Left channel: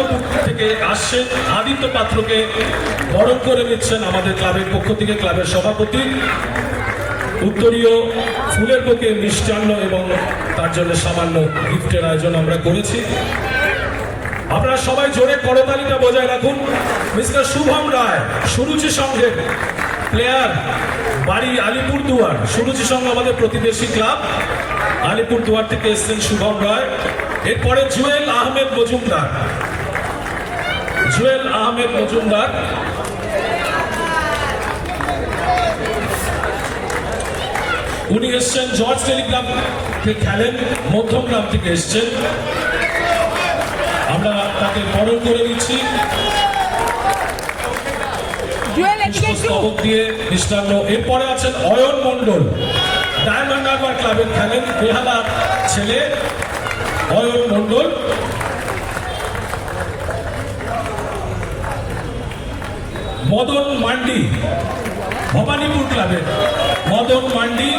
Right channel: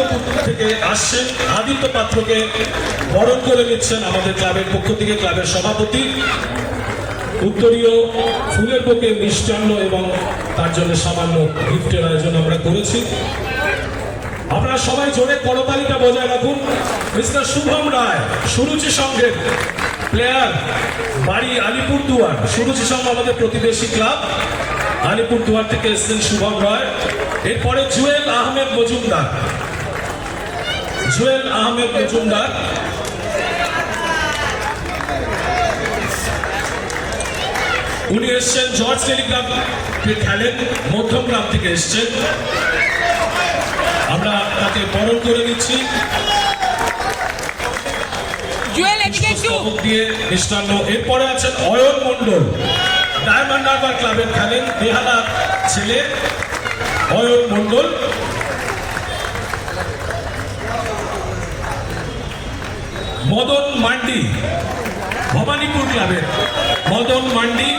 আনন্দপুর থেকে আসছেন আদিত্য পাত্রকে বরণ করে নিচ্ছেন আমাদের ক্লাবের পক্ষ থেকে ক্লাবের সভাপতি। উত্তরীয় ফুলের মিষ্টান্ন এবং তার জন্য সামান্য গিফটের আয়োজন আমরা করেছি। আপনারা সবাই জোরে করতালিটা বজায় রাখুন। মিস্টার শুভম রায়, সুরুচি সংঘের প্লেয়ার, বাড়ি আলিপুরদুয়ার। সুরুচি সংঘ আমাদের প্রতিবেশী ক্লাব। আলিপুরদুয়ার থেকে এসেছেন শুভম রায়। এরপরে জুয়েল আহমেদ মজুমদার। জুয়েল আহমেদ মজুমদার। উনি এসছেন জর্জ টেলিগ্রাম খেলেন মধ্যমগ্রাম থেকে এসছেন। আমরা তাকে বরণ করে নিচ্ছি। দিয়ে মিষ্টান্ন এরপরে আছেন অয়ন মন্ডল ডায়মন্ড হারবার ক্লাবের খেলেন বেহালা ছেলে অয়ন মন্ডল মদন মান্ডি, ভবানীপুর ক্লাবের মদন মান্ডি,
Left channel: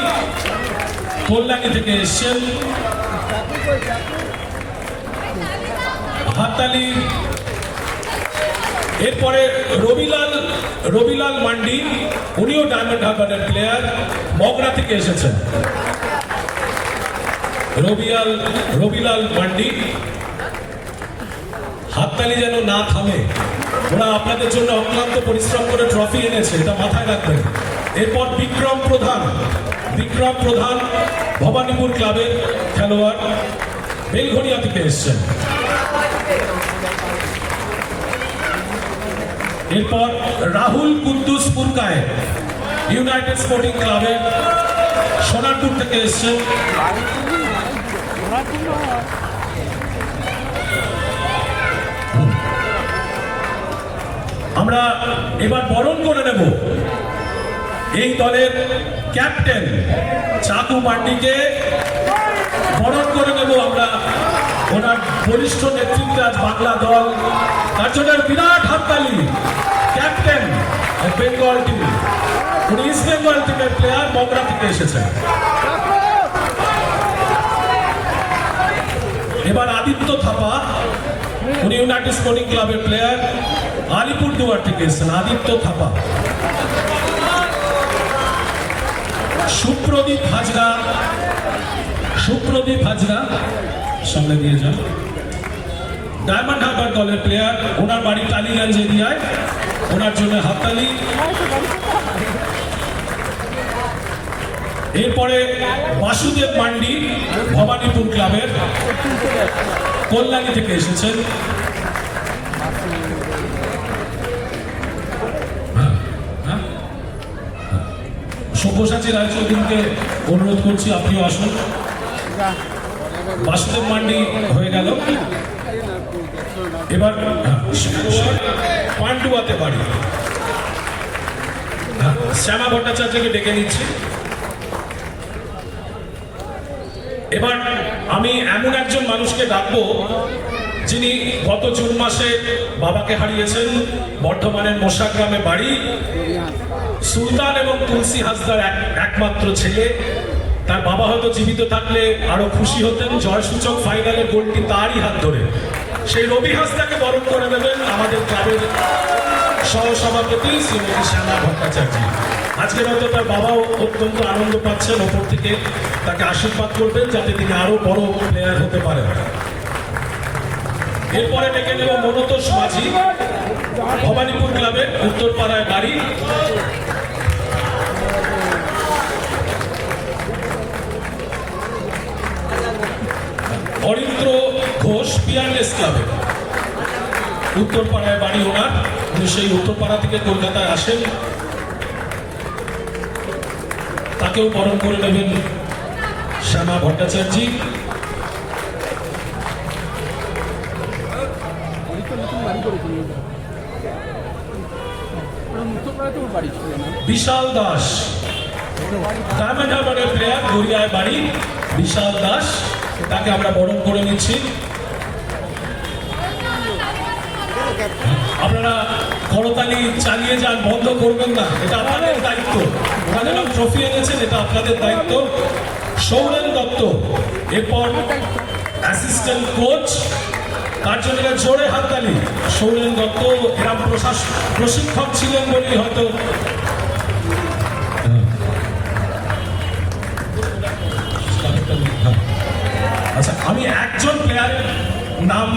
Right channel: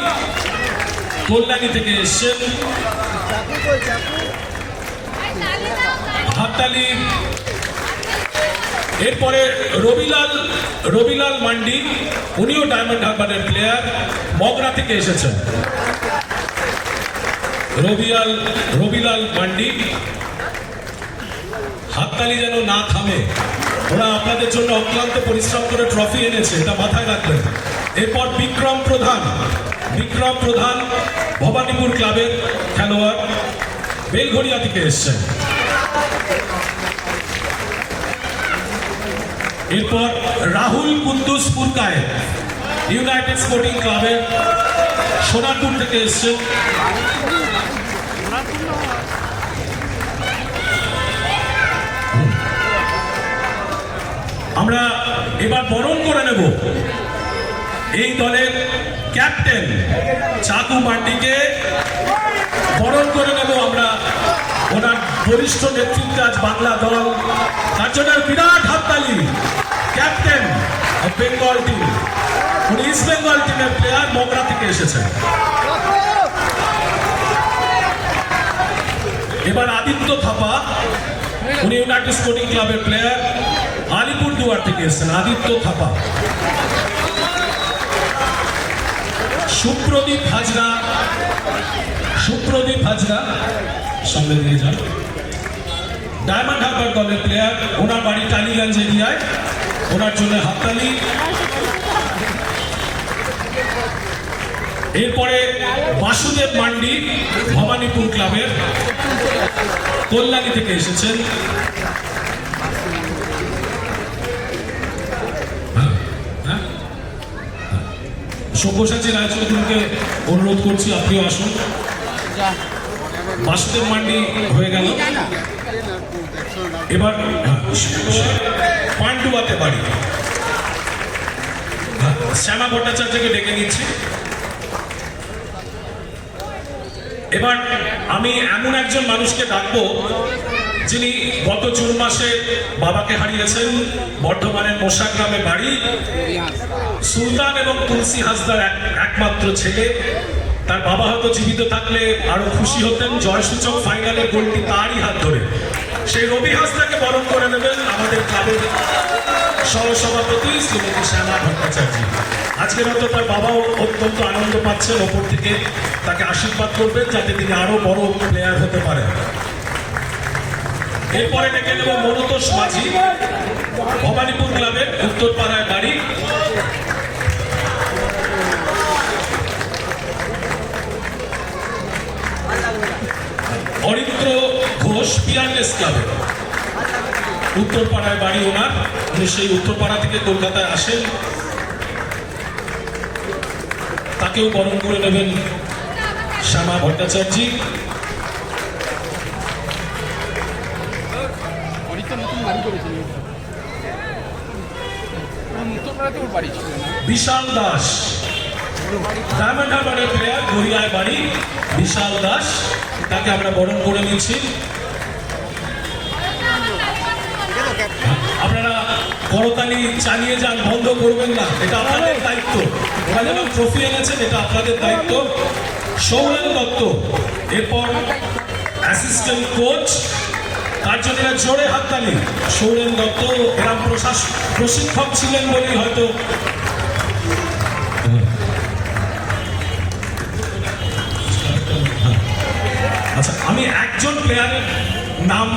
কল্যাণী থেকে এসছেন। হাততালি। এরপরে রবিলাল রবিলাল মান্ডি, উনিও ডায়মন্ড হারবারের প্লেয়ার মগরা থেকে এসেছেন। রবিলাল রবিলাল মান্ডি, হাততালি যেন না থামে। ওরা আপনাদের জন্য অক্লান্ত পরিশ্রম করে ট্রফি এনেছে, এটা মাথায় রাখবেন। এরপর বিক্রম প্রধান। বিক্রম প্রধান ভবানীপুর ক্লাবের খেলোয়াড় বেলঘরিয়া থেকে এসছেন। এরপর রাহুল কুদ্দুস পুরকায়ের ইউনাইটেড স্পোর্টিং ক্লাবের সোনারপুর থেকে এসছেন। আমরা এবার বরণ করে নেব। এই দলের ক্যাপ্টেন চাকু মান্ডিকে বরণ করে নেব আমরা। ওনার বরিষ্ঠ নেতৃত্বে আজ বাংলা দল। তার বিরাট হাততালি। ক্যাপ্টেন বেঙ্গল টিম উনি ইস্ট বেঙ্গল টিমের প্লেয়ার মগরা থেকে এসেছেন। এবার আদিত্য থাপা। উনি ইউনাইটেড স্পোর্টিং ক্লাবের প্লেয়ার আলিপুর দুয়ার থেকে এসেছেন আদিত্য থাপা। সুপ্রদীপ হাজরা সুপ্রদীপ হাজরা, সঙ্গে নিয়ে যান। ডায়মন্ড হারবার দলের প্লেয়ার ওনার বাড়ি টালিগঞ্জ এরিয়ায়। ওনার জন্য হাততালি। এরপরে বাসুদেব মান্ডি, ভবানীপুর ক্লাবের কল্যাণী থেকে এসেছেন। সব্যসাচী রায়চৌধুরীকে অনুরোধ করছি, আপনিও আসুন। বাসুদেব মান্ডি হয়ে গেল। এবার পান্ডুয়াতে বাড়ি। শ্যামা ভট্টাচার্যকে ডেকে নিচ্ছি। এবার আমি এমন একজন মানুষকে ডাকবো যিনি গত জুন মাসে বাবাকে হারিয়েছেন বর্ধমানের মোশাগ্রামে বাড়ি, সুলতান এবং তুলসী হাসদার একমাত্র ছেলে। তার বাবা হয়তো জীবিত থাকলে আরও খুশি হতেন, জয়সূচক ফাইনালের গোলটি তারই হাত ধরে। সেই রবি হাসদাকে বরণ করে নেবেন আমাদের ক্লাবের সহসভাপতি শ্রীমতী শ্যামা ভট্টাচার্য। আজকের হয়তো তার বাবাও অত্যন্ত আনন্দ পাচ্ছেন, ওপর থেকে তাকে আশীর্বাদ করবেন, যাতে তিনি আরও বড় প্লেয়ার হতে পারেন। এরপরে ডেকে নেব মনোতোষ মাঝি, ভবানীপুর গ্রামের উত্তরপাড়ায় বাড়ি। হরিন্দ্র ঘোষ পিয়ারলেস ক্লাবে। উত্তরপাড়ায় বাড়ি ওনার সেই উত্তরপাড়া থেকে কলকাতায় আসেন। তাকেও বরণ করে নেবেন শ্যামা ভট্টাচার্যী। বিশাল দাস। ডায়মন্ড হারবারের প্লেয়ার, গড়িয়ায় বাড়ি। বিশাল দাস, তাকে আমরা বরণ করে নিচ্ছি। আপনারা করতালি চালিয়ে যান, বন্ধ করবেন না। এটা আপনাদের দায়িত্ব। ওরা যেমন ট্রফি এনেছেন, এটা আপনাদের দায়িত্ব। সৌরেন দত্ত, এরপর অ্যাসিস্ট্যান্ট কোচ এরা জোরে হাততালি। সৌরেন দত্ত এরা প্রশাস প্রশিক্ষক ছিলেন বলেই হয়তো আচ্ছা আমি একজন প্লেয়ারের নাম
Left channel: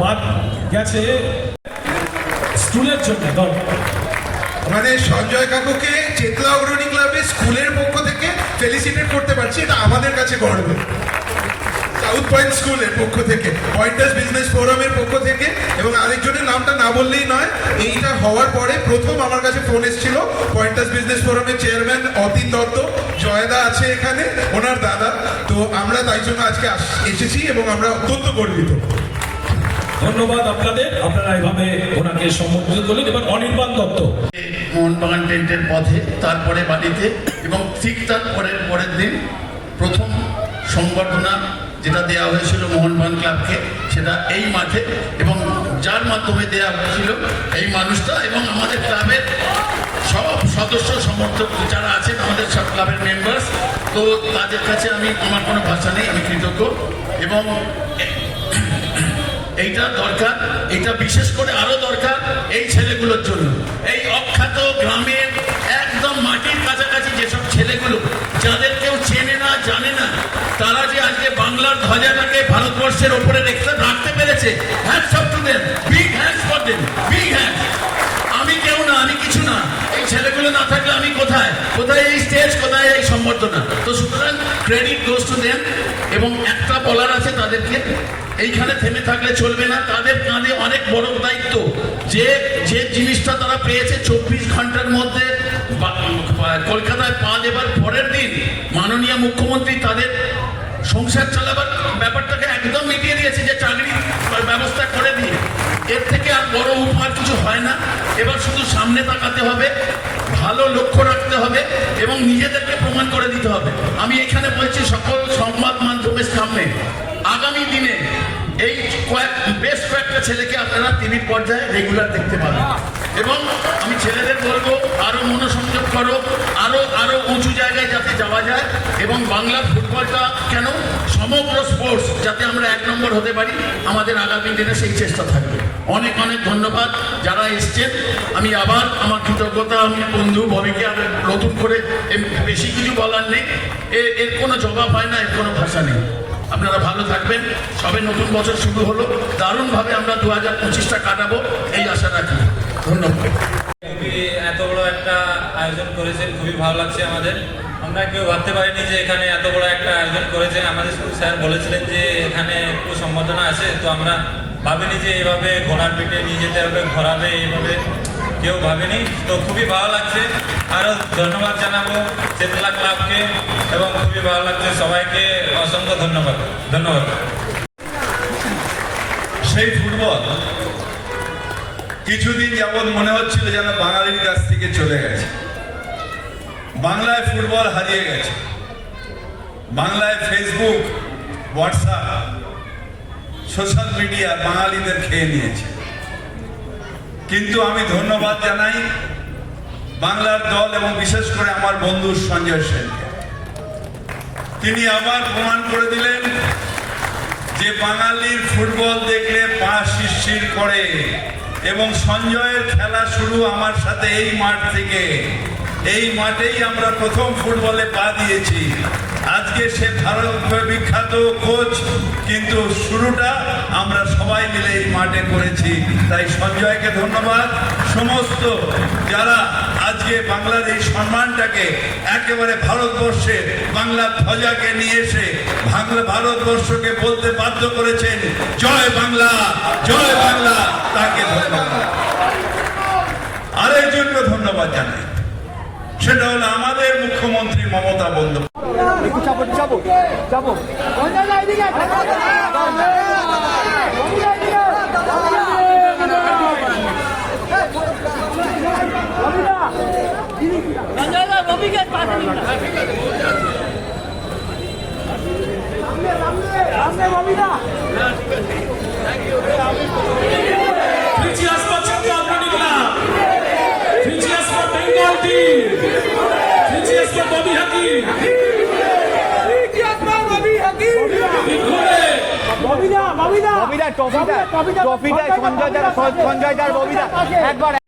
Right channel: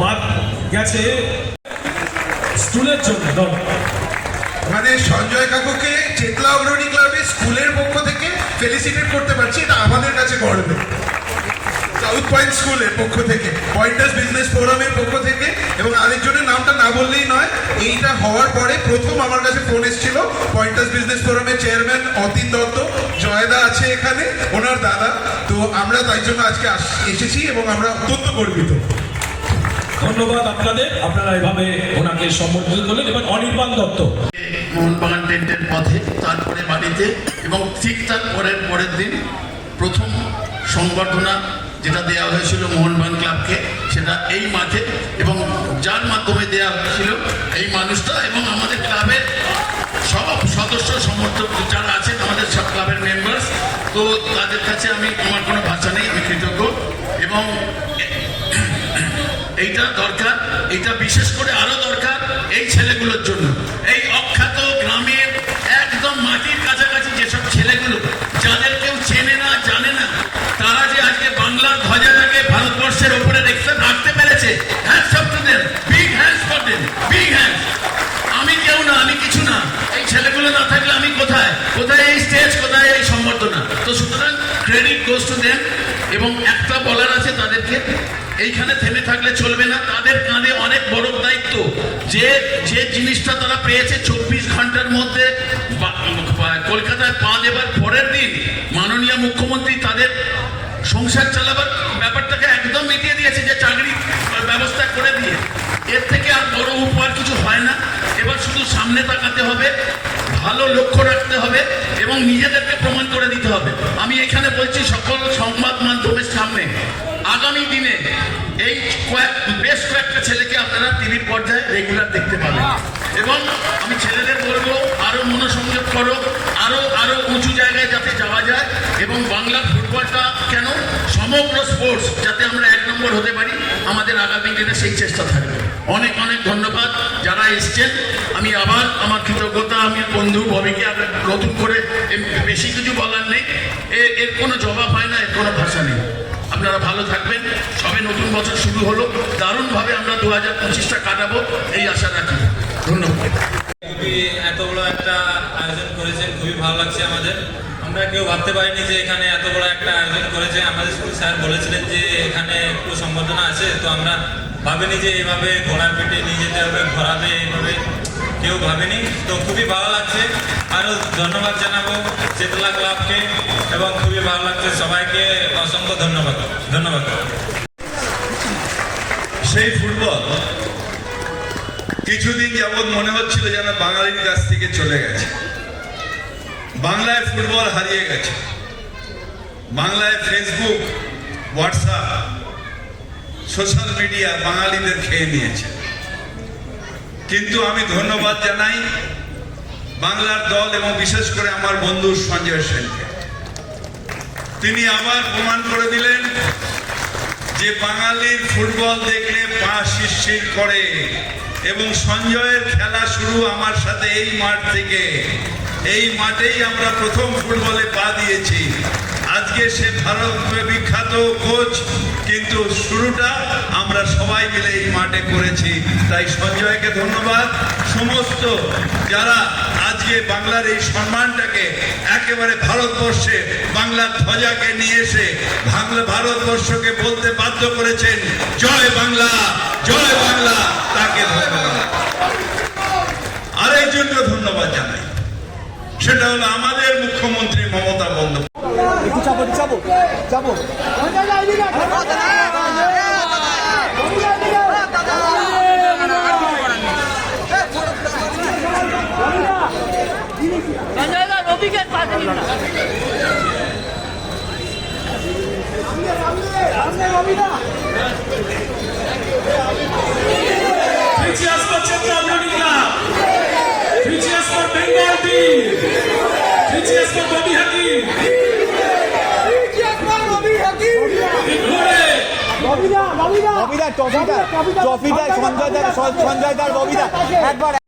বাদ গেছে। স্কুলের জন্য আমাদের সঞ্জয় কাকুকে চেতলা অগ্রণী ক্লাবের স্কুলের পক্ষ থেকে ফেলিসিটেট করতে পারছি, এটা আমাদের কাছে গর্বে সাউথ পয়েন্ট স্কুলের পক্ষ থেকে পয়েন্টার্স বিজনেস ফোরামের পক্ষ থেকে এবং আরেকজনের নামটা না বললেই নয় এইটা হওয়ার পরে প্রথম আমার কাছে ফোন এসেছিল পয়েন্টার্স বিজনেস ফোরামের চেয়ারম্যান অতীন দত্ত। জয়দা আছে এখানে ওনার দাদা। তো আমরা তাই জন্য আজকে এসেছি এবং আমরা অত্যন্ত গর্বিত। ধন্যবাদ আপনাদের। আপনারা এভাবে ওনাকে সম্বোধিত করলেন। এবার অনির্বাণ দত্ত। মোহনবাগান টেন্টের পথে তারপরে বাড়িতে এবং ঠিক তার পরের পরের দিন প্রথম সংবর্ধনা যেটা দেওয়া হয়েছিল মোহনবাগান ক্লাবকে, সেটা এই মাঠে এবং যার মাধ্যমে দেওয়া হয়েছিল এই মানুষটা এবং আমাদের ক্লাবের সব সদস্য, সমর্থক যারা আছেন, আমাদের সব ক্লাবের মেম্বার্স তো তাদের কাছে আমি আমার কোনো ভাষা নেই, আমি কৃতজ্ঞ এবং এইটা দরকার এটা বিশেষ করে আরও দরকার এই ছেলেগুলোর জন্য। এই অখ্যাত গ্রামের একদম মাটির কাছাকাছি যেসব ছেলেগুলো যাদের কেউ চেনে না জানে না তারা যে আজকে বাংলার ধ্বজাটাকে ভারতবর্ষের ওপরে রেখে রাখতে পেরেছে। আমি কেউ না, আমি কিছু না। এই ছেলেগুলো না থাকলে আমি কোথায়? কোথায় এই স্টেজ কোথায় এই সম্বর্ধনা? তো সুতরাং ক্রেডিট গোস টু দেম এবং একটা বলার আছে তাদেরকে। এইখানে থেমে থাকলে চলবে না। তাদের কাঁধে অনেক বড় দায়িত্ব। যে যে জিনিসটা তারা পেয়েছে চব্বিশ ঘণ্টার মধ্যে কলকাতায় পা দেবার পরের দিন মাননীয় মুখ্যমন্ত্রী তাদের সংসার চালাবার ব্যাপারটাকে একদম মিটিয়ে দিয়েছে যে চাকরি ব্যবস্থা করে দিয়ে। এর থেকে আর বড় উপহার কিছু হয় না। এবার শুধু সামনে তাকাতে হবে, ভালো লক্ষ্য রাখতে হবে এবং নিজেদেরকে প্রমাণ করে দিতে হবে। আমি এখানে বলছি সকল সংবাদ মাধ্যমের সামনে, আগামী দিনে এই কয়েক, বেশ কয়েকটা ছেলেকে আপনারা টিভির পর্যায়ে রেগুলার দেখতে পাবেন। এবং আমি ছেলেদের বলব, আরও মনোসংযোগ করো, আরও আরও উঁচু জায়গায় যাতে যাওয়া যায় এবং বাংলার ফুটবলটা কেন সমগ্র স্পোর্টস যাতে আমরা এক নম্বর হতে পারি, আমাদের আগামী দিনে সেই চেষ্টা থাকবে। অনেক অনেক ধন্যবাদ যারা এসছেন। আমি আবার আমার কৃতজ্ঞতা, আমি বন্ধু ববিকে আর নতুন করে বেশি কিছু বলার নেই। এর কোনো জবাব হয় না, এর কোনো ভাষা নেই। আপনারা ভালো থাকবেন। সবে নতুন বছর শুরু হলো। দারুণভাবে আমরা দু হাজার পঁচিশটা কাটাবো, এই আশা রাখি। ধন্যবাদ এত বড় একটা আয়োজন করেছেন খুবই ভালো লাগছে আমাদের। আমরা কেউ ভাবতে পারিনি যে এখানে এত বড় একটা আয়োজন করেছে। আমাদের স্যার বলেছিলেন যে এখানে একটু সম্বোধনা আছে, তো আমরা ভাবিনি যে এভাবে ঘোড়া পেটে নিয়ে যেতে হবে ঘোরাবে এইভাবে কেউ ভাবেনি। তো খুবই ভালো লাগছে। আরও ধন্যবাদ জানাব চেতলা ক্লাবকে, এবং খুবই ভালো লাগছে সবাইকে। অসংখ্য ধন্যবাদ। ধন্যবাদ। সেই ফুটবল কিছুদিন যাবৎ মনে হচ্ছিল যেন বাঙালির কাছ থেকে চলে গেছে। বাংলায় ফুটবল হারিয়ে গেছে। বাংলায় ফেসবুক হোয়াটসঅ্যাপ সোশ্যাল মিডিয়া বাঙালিদের খেয়ে নিয়েছে। কিন্তু আমি ধন্যবাদ জানাই বাংলার দল এবং বিশেষ করে আমার বন্ধু সঞ্জয় সেনকে। তিনি আবার প্রমাণ করে দিলেন যে বাঙালির ফুটবল দেখলে পা শিরশির করে। এবং সঞ্জয়ের খেলা শুরু আমার সাথে এই মাঠ থেকে। এই মাঠেই আমরা প্রথম ফুটবলে পা দিয়েছি। আজকে সে ভারত বিখ্যাত কোচ, কিন্তু শুরুটা আমরা সবাই মিলে এই মাঠে করেছি। তাই সঞ্জয়কে ধন্যবাদ। সমস্ত যারা আজকে বাংলার এই সম্মানটাকে একেবারে ভারতবর্ষে বাংলার ধ্বজাকে নিয়ে এসে ভারতবর্ষকে বলতে বাধ্য করেছেন, জয় বাংলা জয় বাংলা তাকে ধন্যবাদ আরেকজনকে ধন্যবাদ জানাই। সেটা হলো আমাদের মুখ্যমন্ত্রী Mamata Bandyopadhyay. Bengal team. Features for Bobby Hakim. Included ববিদা ট্রফিটা ট্রফিটা সঞ্জয় দার সঞ্জয় দার ববিদা একবার